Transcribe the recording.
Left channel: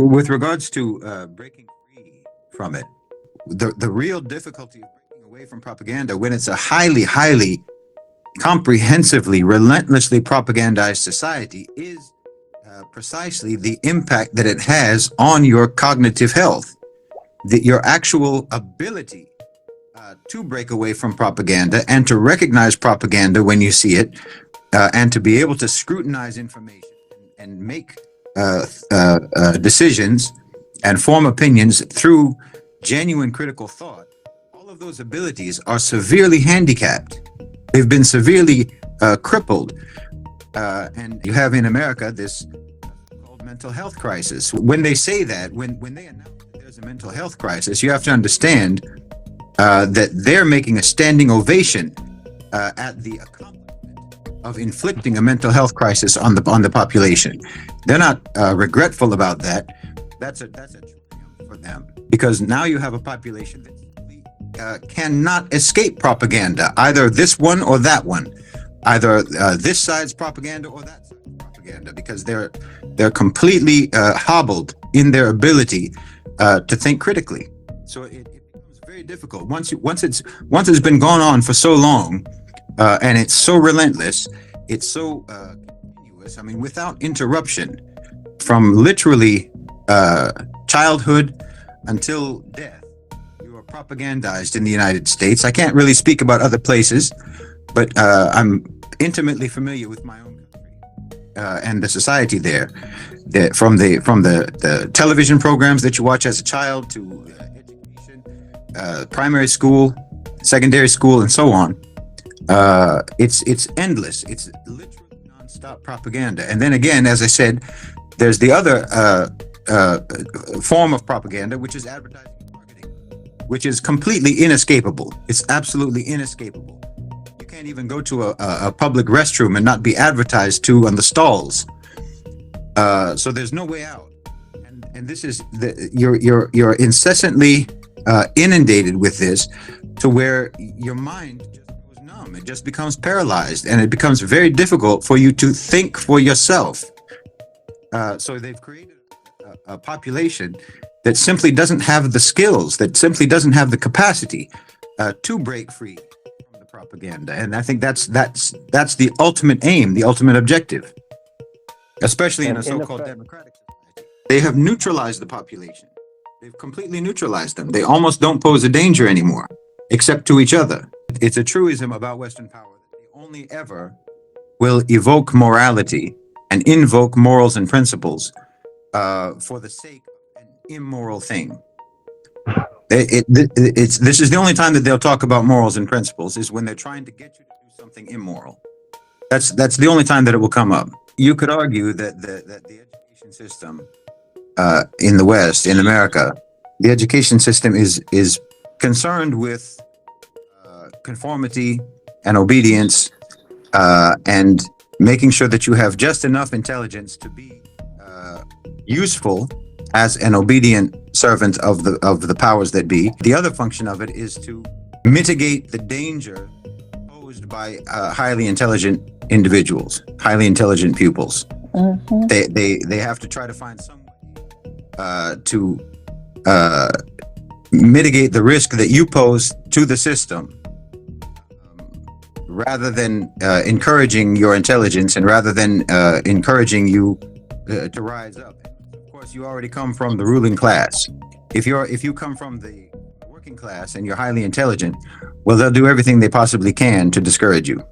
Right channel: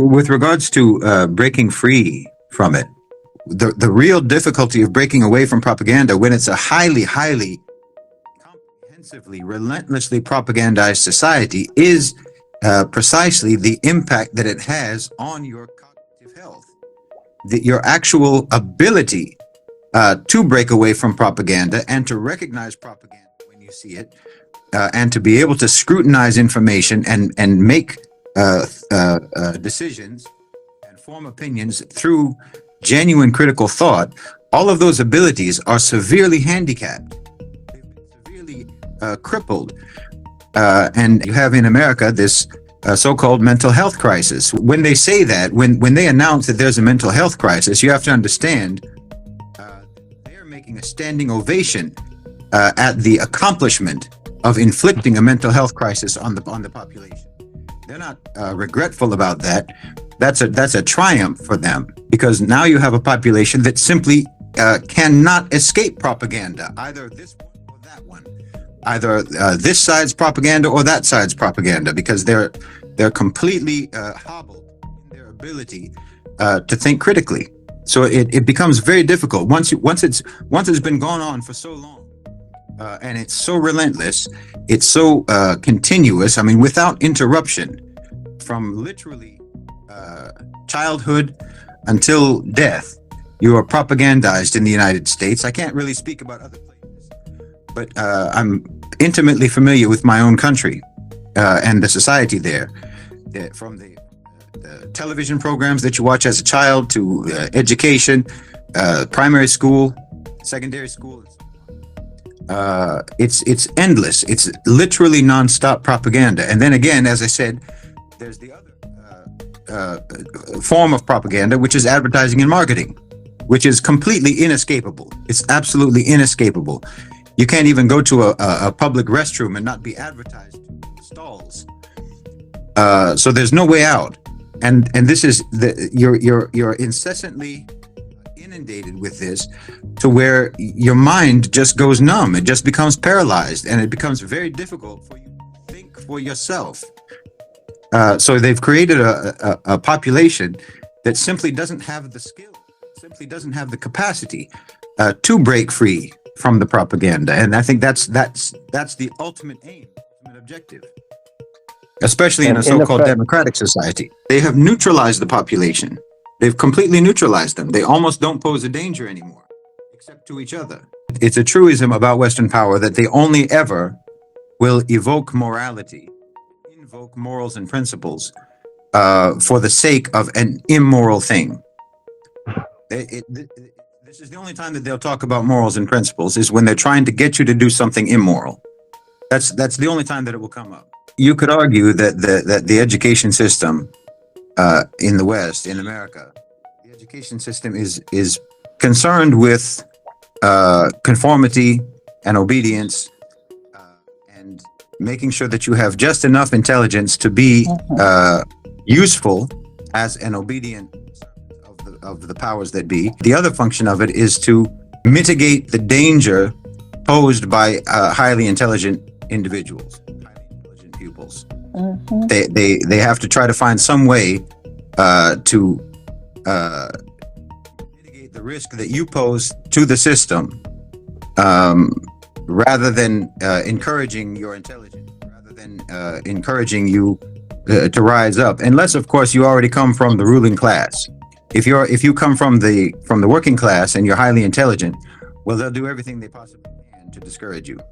With regards to breaking free from it, the real difficulty of breaking away from propaganda when it's a highly comprehensively, relentlessly propagandized society is precisely the impact that it has on your cognitive health, your actual ability to break away from propaganda and to recognize propaganda when you see it, and to be able to scrutinize information and make decisions and form opinions through genuine critical thought. All of those abilities are severely handicapped. They've been severely crippled. And you have in America this so-called mental health crisis. When they say that, when they announce that there's a mental health crisis, you have to understand that they're making a standing ovation at the accomplishment of inflicting a mental health crisis on the population. They're not regretful about that. That's a triumph for them, because now you have a population that simply cannot escape propaganda, either this one or that one, either this side's propaganda or that side's propaganda, because they're completely hobbled in their ability to think critically. So it becomes very difficult once it's been going on for so long, and it's so relentless, it's so continuous. I mean, without interruption, from literally childhood until death, you are propagandized in the United States. I can't really speak about other places, but I'm intimately familiar with my own country and the society there. From the television programs that you watch as a child to education, primary school, secondary school, and so on. It's endless. It's literally nonstop propaganda. And then again, as I said, there's the other form of propaganda, which is advertising and marketing, which is completely inescapable. It's absolutely inescapable. You can't even go to a public restroom and not be advertised to on the stalls. So there's no way out, and this is you're incessantly inundated with this, to where your mind just goes numb. It just becomes paralyzed, and it becomes very difficult for you to think for yourself. So they've created a population that simply doesn't have the skills, that simply doesn't have the capacity to break free from the propaganda, and I think that's the ultimate aim, the ultimate objective. Especially in a so-called democratic society. They have neutralized the population. They've completely neutralized them. They almost don't pose a danger anymore, except to each other. It's a truism about Western power that they only ever will evoke morality and invoke morals and principles for the sake of an immoral thing. This is the only time that they'll talk about morals and principles, is when they're trying to get you to do something immoral. That's the only time that it will come up. You could argue that the education system in the West, in America, the education system is concerned with conformity and obedience, and making sure that you have just enough intelligence to be useful as an obedient servant of the powers that be. The other function of it is to mitigate the danger posed by highly intelligent individuals, highly intelligent pupils. They have to try to find some way to mitigate the risk that you pose to the system, rather than encouraging your intelligence, and rather than encouraging you to rise up, unless of course you already come from the ruling class. If you come from the working class and you're highly intelligent, well, they'll do everything they possibly can to discourage you.